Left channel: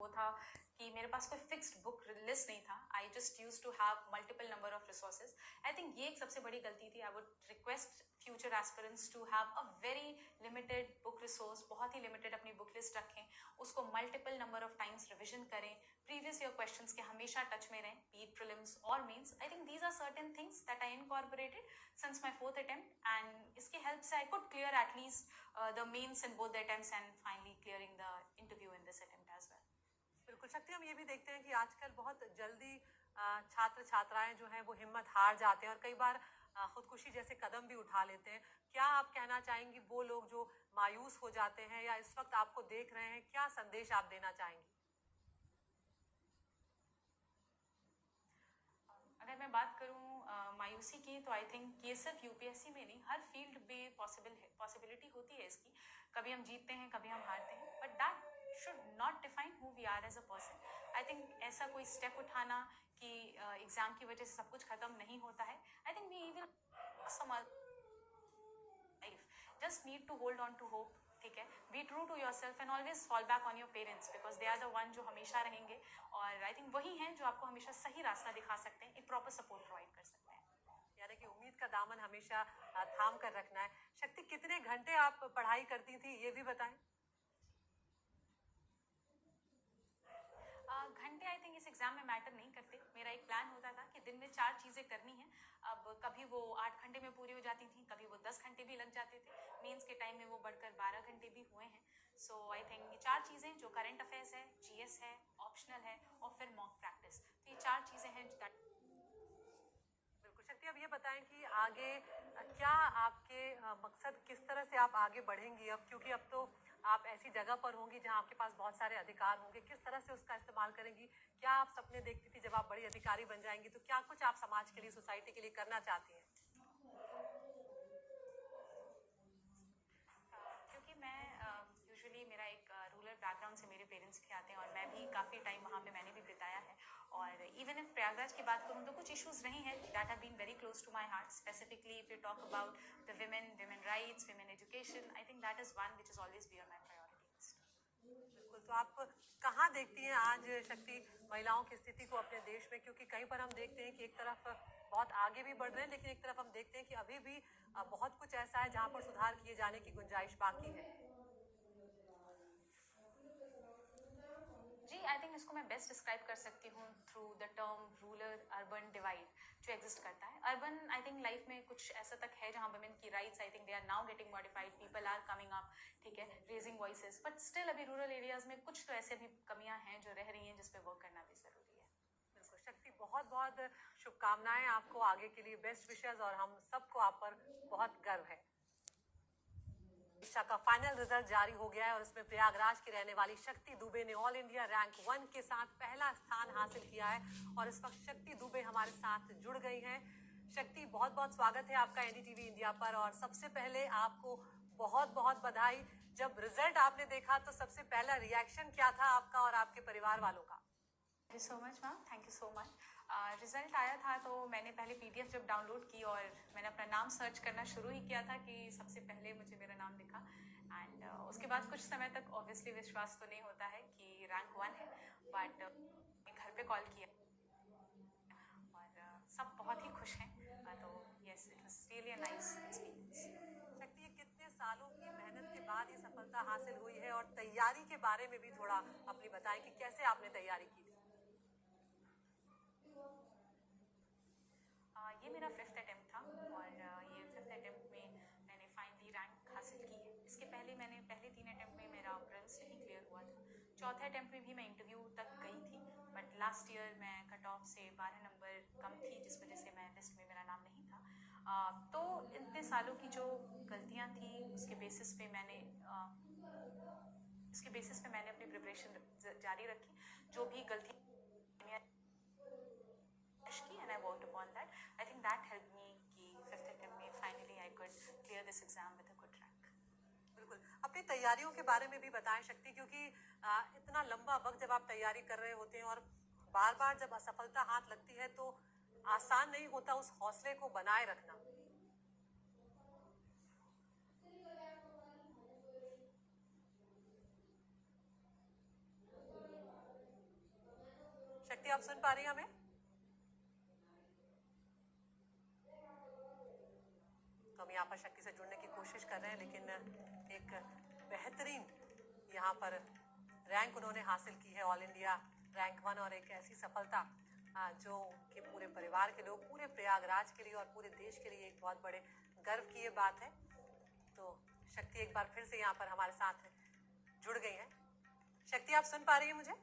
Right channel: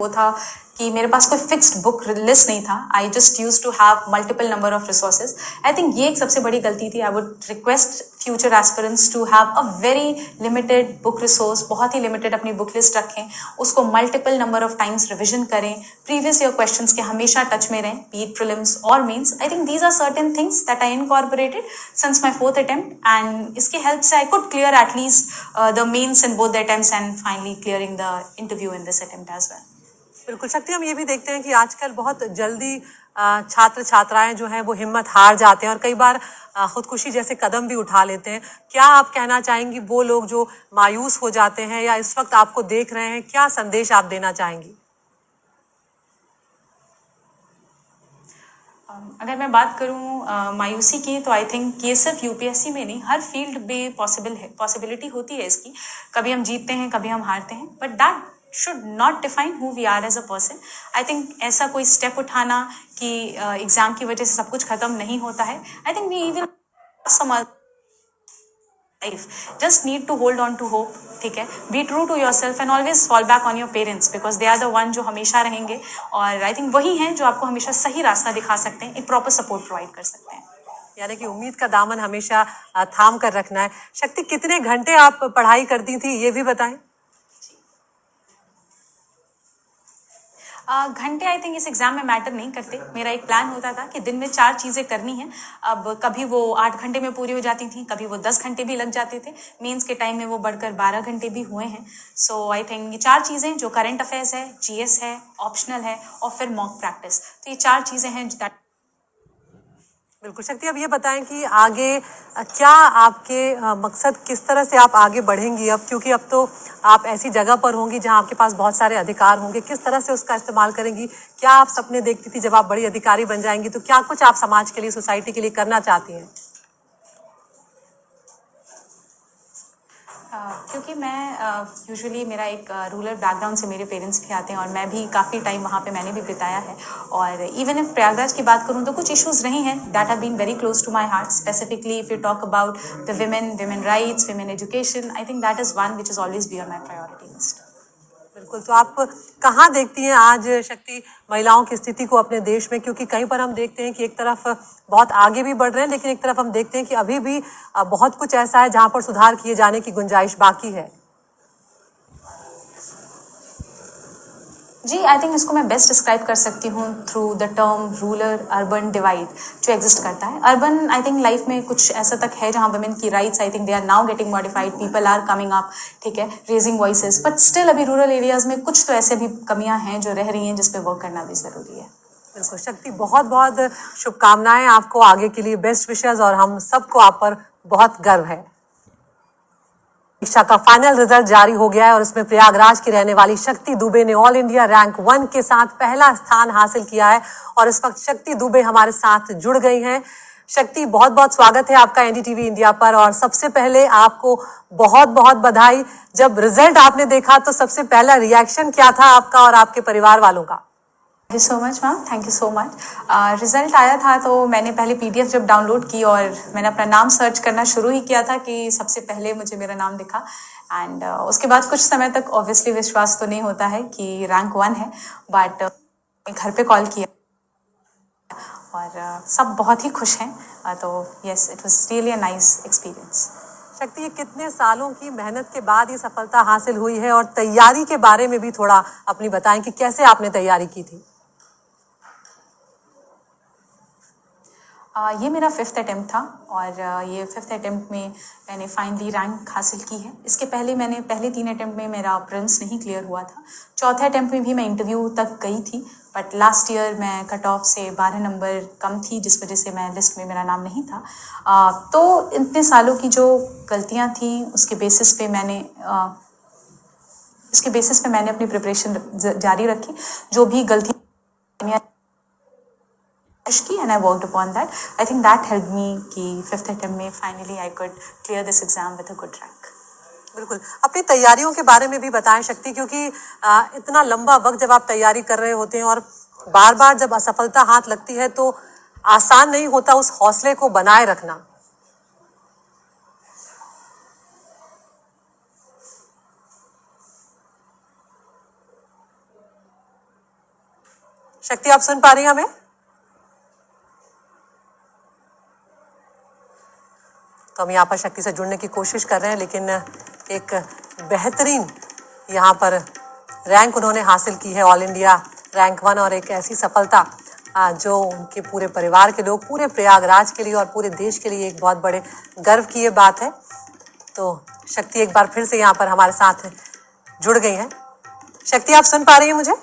वो था कि मेरे पास कोई फिक्स्ड बुक लिस्ट नहीं था। I just use to have multiple number of resources. I think ये एक सबसे बड़ी गलती थी। I would request future aspirants to have a very limited book resource, बहुत ही लिमिटेड अपनी बुक लिस्ट रखें, उसको multiple number of times revision करें, प्रीवियस ईयर क्वेश्चंस के हमेशा टच में रहें, बी इट प्रीलिम्स और mains. I think these are certain things that I incorporated since my fourth attempt, and इसकी हेल्प से I could clear at least the mains in both the attempts and finally clearing the interview in this attempt as well. बिल्कुल शक्ति, हम ये भी देखते हैं कि आजकल बहुत जल्दी छात्र छात्राएं जो हैं वो हिम्मत हार जाते हैं और कई बार खुदकुशी जैसे कदम भी उठा लेते हैं। क्या आप कहना चाहेंगी वो लोग जो मायूस हो जाते हैं या इस वक्त आपको देख रहे हैं, क्या संदेश आप देना चाहेंगी? अगर मैं बात करूं मायूसी की, तो आई थिंक ये सिर्फ यूपीएससी में नहीं, हर फील्ड में पॉसिबिलिटी होती है इसकी। कभी हम जीतते हैं, कभी हम हारते हैं, but that should not define who we are as a person. I think ऐसा कोई स्टेप उठाना कि एग्जाम की वजह से सब कुछ खत्म नहीं होता है, I think we will some life just need to hold on to hope। ठीक है, be true to yourself and always fall back on your parents because they are the one जो हमेशा रहेंगे, और आई थिंक वही हैं जो आपको हमेशा सही रास्ता दिखा सकते हैं, एक प्रॉपर सपोर्ट प्रोवाइड कर सकते हैं। यानी कि उम्मीद का दामन हमेशा थाम कर रखना है। शक्ति, कितने घंटे आप पढ़ाई करती थी ये भी बताएं। घंटे आई थिंक इस एग्जाम में मैटर नहीं करते। मेरा एक प्लान होता था कि दिन में 4 चीज़ें करनी है। अब कभी वो 8 घंटे में पूरी हो जाती थी, कभी वो 10 घंटे भी लग जाते थे। मेंस के टाइम में वो बढ़कर 12 घंटे भी हुए हैं। सो आई थिंक ये 4 चीज़ें जो करंट अफेयर्स है, जीएस है, ऑप्शनल है और फिर मॉक प्रैक्टिस, तो ये 4 चीज़ें हैं जो बिल्कुल शक्ति, अब ये बताएं कि आगे क्या आपके मकसद, किस तरह से आप आगे बढ़ेंगी अब, क्योंकि अब तो आप ऐसी जगह पर होंगी जहां आपके पास बहुत सारे अधिकार होंगे, किस तरह से उसका इस्तेमाल करेंगी? क्या आप सपने देखती थी जब आप बड़ी अधिकारी बन जाएंगी, तो क्या कुछ आप समाज के लिए, सोसाइटी के लिए करना चाहती हैं? क्योंकि मैं यूजुअली मेरा एक रूरल बैकग्राउंड से मेरे पेरेंट्स भी आते हैं और मैं भी काफ़ी टाइम वहाँ पे मैंने भी बिताया है। और इवन इफ प्रयागराज की बात करूँ तो कुछ इश्यूज रहे हैं that have been very close to my heart, specifically if you talk about the women rights, women education. I think that is one which is always be on my priority list. बिल्कुल, तो आप कहाँ देखती हैं आज शक्ति महिलाओं की स्थिति को अपने देश में? क्योंकि कहीं पर हम देखते हैं कि एक तरफ बहुत आगे भी बढ़ रहे हैं, लेकिन एक तरफ हम देखते हैं कि अभी भी बहुत कुछ ऐसा है जहाँ पर सुधार किए जाने की गुंजाइश बाकी है। जी, आई थिंक इसको मैं बेस्ट डिस्क्राइब कर सकती हूँ through the term rural urban divide जो एग्जिस्ट करता है। अर्बन आई थिंक लाइफ में कुछ ऐसा तक है जहाँ वुमेन की rights I think they are now getting modified, people are coming up, ठीक है, रेजिंग वॉइसेस, बट स्टिल अभी रूरल एरियाज में कुछ तो ऐसे भी कमियाँ हैं जो रह रही हैं जिस पे वर्क करना भी ज़रूरी है। बिल्कुल शक्ति, बहुत बहुत शुभकामनाएं आपको आगे के लिए, बेस्ट विशेस, और हम सबको आप पर बहुत गर्व है। परीक्षा का फाइनल रिजल्ट जारी हो गया है और इसमें प्रयागराज की रहने वाली शक्ति दुबे ने ऑल इंडिया रैंक 1 के साथ पहला स्थान हासिल किया है और इस वक्त शक्ति दुबे हमारे साथ जुड़ गई हैं। शक्ति, बहुत बहुत स्वागत है आपका एनडीटीवी इंडिया पर, और सबसे पहले आपको बहुत बहुत बधाई। जब रिजल्ट आपने देखा तो सबसे पहला रिएक्शन क्या था आपका और आपके परिवार वालों का? Thank you so much ma'am, thank you so much. Result आया था तो मैंने पहले पीडीएफ जब डाउनलोड की और मैंने अपना नाम सर्च करना शुरू ही किया था कि सबसे पहले मुझे मेरा नाम दिखा। एंड उसके बाद कुछ समय तक ऑब्वियसली विश्वास तो नहीं होता है कि रैंक 1 है, बट घर पे कॉल किया और सब बहुत ही खुश हैं। तो yes, it was really a nice experience. शक्ति, ये कितने सालों की मेहनत के बाद ये सफलता हासिल हुई है, और तैयारी के बारे में भी थोड़ा अपनी बताएं कि कैसे आपने तैयारी की थी? ये मेरा 5th अटेम्प्ट था और ये 5th अटेम्प्ट में मैंने फाइनली रैंक हासिल की है। इसके पहले मैंने पहले 3 अटेम्प्ट में मेरा प्रिलिम्स नहीं क्लियर हुआ था। चौथे अटेम्प्ट में भी मैं इंटरव्यू तक गई थी, बट लास्ट ईयर मैं कट ऑफ से 12 नंबर कम थी, जिस वजह से मैं लिस्ट में मेरा नाम नहीं था। तो इतने सालों की जो गलतियाँ थी उसके बेसिस पे मैंने अपनी प्रिपरेशन जारी रखी। जो भी गलतियाँ की and I worked upon that. I think that helped me कि 5th attempt में finally I could clear this exam with a good rank. बिल्कुल, अपनी तैयारियों के बारे में भी बताएं शक्ति, क्योंकि इतना लंबा वक्त जब आप तैयारी कर रहे होते हैं और बार बार जब असफलता हाथ लगती है तो आसान नहीं होता उस हौसले को बनाए रखना। शक्ति, आप सुन पा रही हैं हमें? तो हम यहाँ पर शक्ति से जुड़ने की कोशिश कर रहे हैं, लेकिन एक बेहतरीन यहाँ पर रैंक उन्होंने हासिल की है, ऑल इंडिया रैंक 1, और एक ऐसी सफलता जो उनके पूरे परिवार के लोग, पूरे प्रयागराज के लिए और पूरे देश के लिए एक बहुत बड़े गर्व की ये बात है। तो शक्ति एक बार फिर से यहाँ पर हमारे साथ जुड़ गई हैं। शक्ति, आप सुन पा रही हैं मुझे?